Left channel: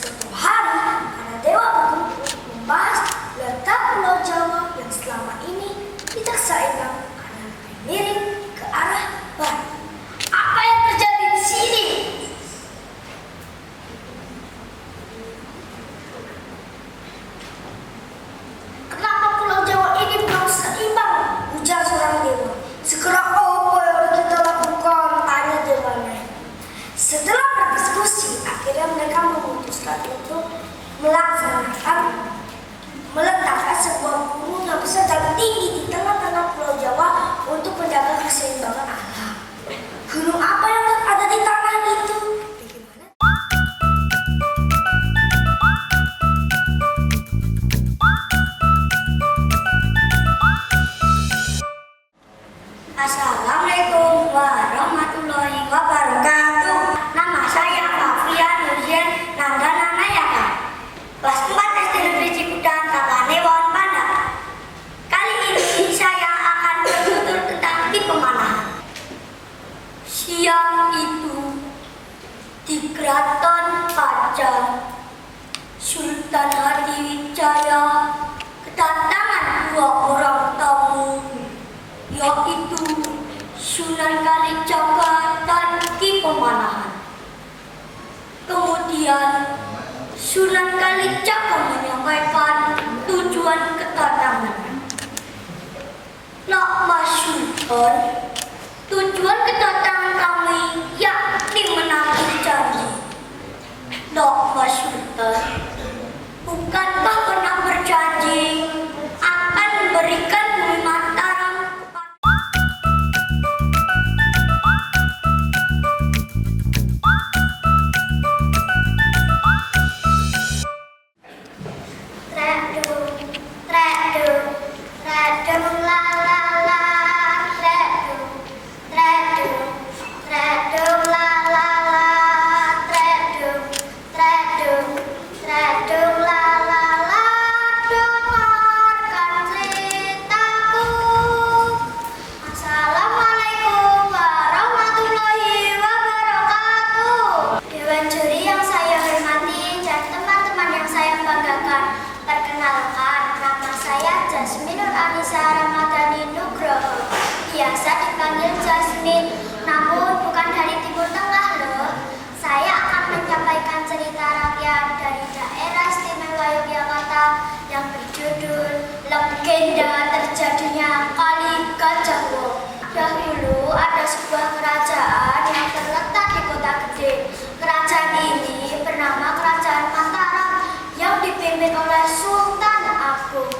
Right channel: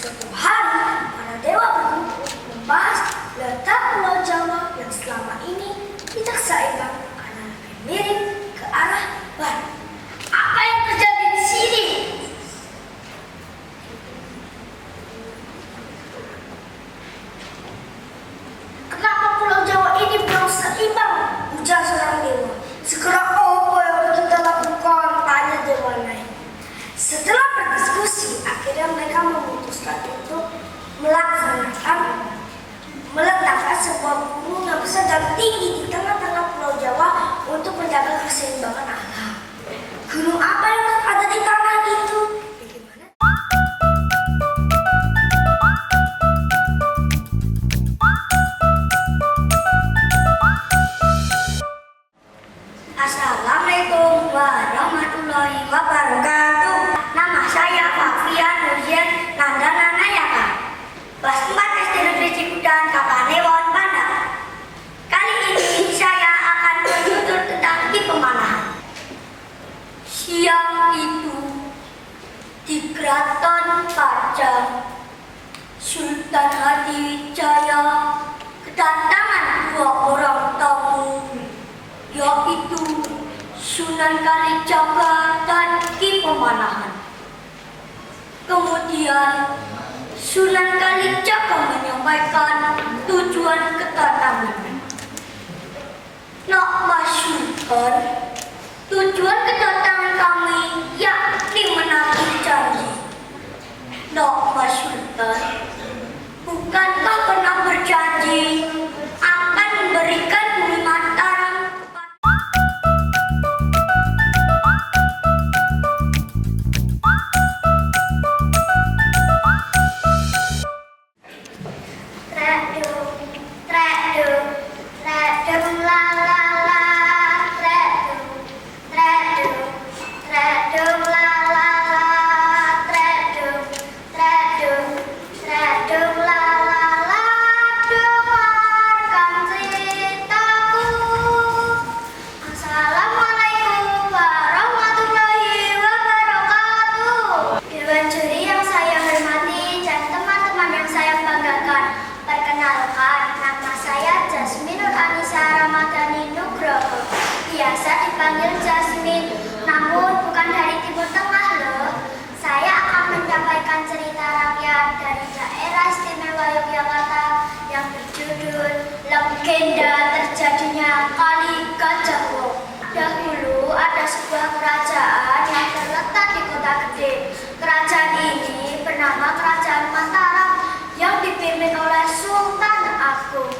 Suatu hari, para dewa berkumpul membahas letak Pulau Jawa yang selama ini tidak seimbang karena lebih miring ke arah barat. Apa yang terjadi di sini? Kenapa Pulau Jawa ini belum seimbang? Ujar seorang dewa. Segera apa yang harus kita lakukan? Tanya dewa lain. Setelah berdiskusi, akhirnya mereka memutuskan untuk meletakkan sebuah gunung yang besar dan tinggi di tengah-tengah Pulau Jawa untuk menjaga keseimbangan alam. Gunung apa yang ada di tanah itu? Assalamualaikum warahmatullahi wabarakatuh. Nama saya Fafia Nurjen Nanggana Nayaka, kelas 4 SD Negeri Cipudan, Kapanewon, Bandar. Kali ini saya akan bertutur tentang pemanahan. Siang itu di Keraton Pajang, Sultan Hadiwijaya kedatangan dua orang tamu, yaitu Sunan Kalijaga dan Ki Pemanahan. Kemudian Sunan Kalijaga menyampaikan tujuan kedatangannya. Nak Mas Sultan, tujuan kedatangan kami yakni menagih janji. Nak Mas Sultan, bukankah pernah berjanji akan memberikan bumi Mataram kepada biasa dipanggil Jasmine, namun bukan dari Timur Tengah loh. Saya akan menyampaikan cerita rakyat dari daerah istimewa Yogyakarta yang berjudul Legenda Terjadinya Kali Gajah Wong. Dahulu ada sebuah kerajaan yang terletak di kota gede. Kerajaan ini bernama Kerajaan Mataram yang dipimpin oleh Sultan Agung.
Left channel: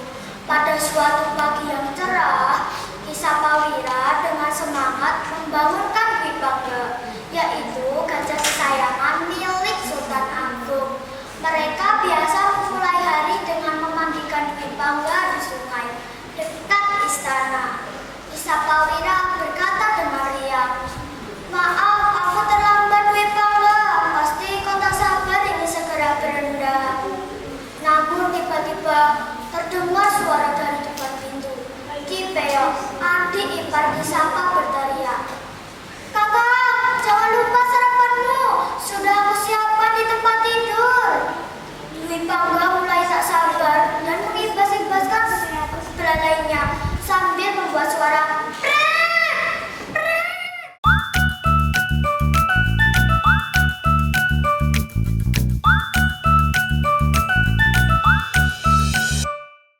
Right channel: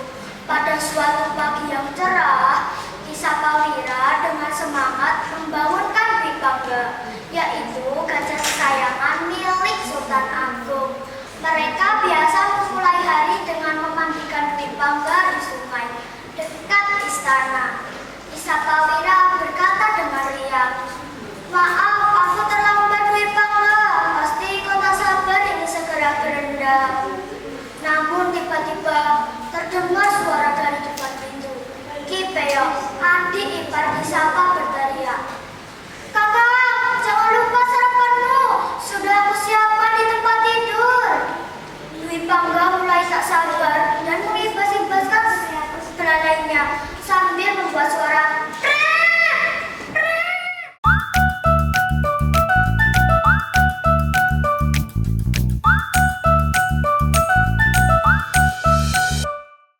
Pada suatu pagi yang cerah, Sapawira dengan semangat membangunkan Dwi Pangga, yaitu gajah kesayangan milik Sultan Agung. Mereka biasa memulai hari dengan memandikan Dwi Pangga di sungai dekat istana. Sapawira berkata dengan riang, "Maaf, aku terlambat Dwi Pangga. Pasti kau tak sabar ingin segera berendam." Namun tiba-tiba terdengar suara dari depan pintu. Ki Peyok, adik ipar Ki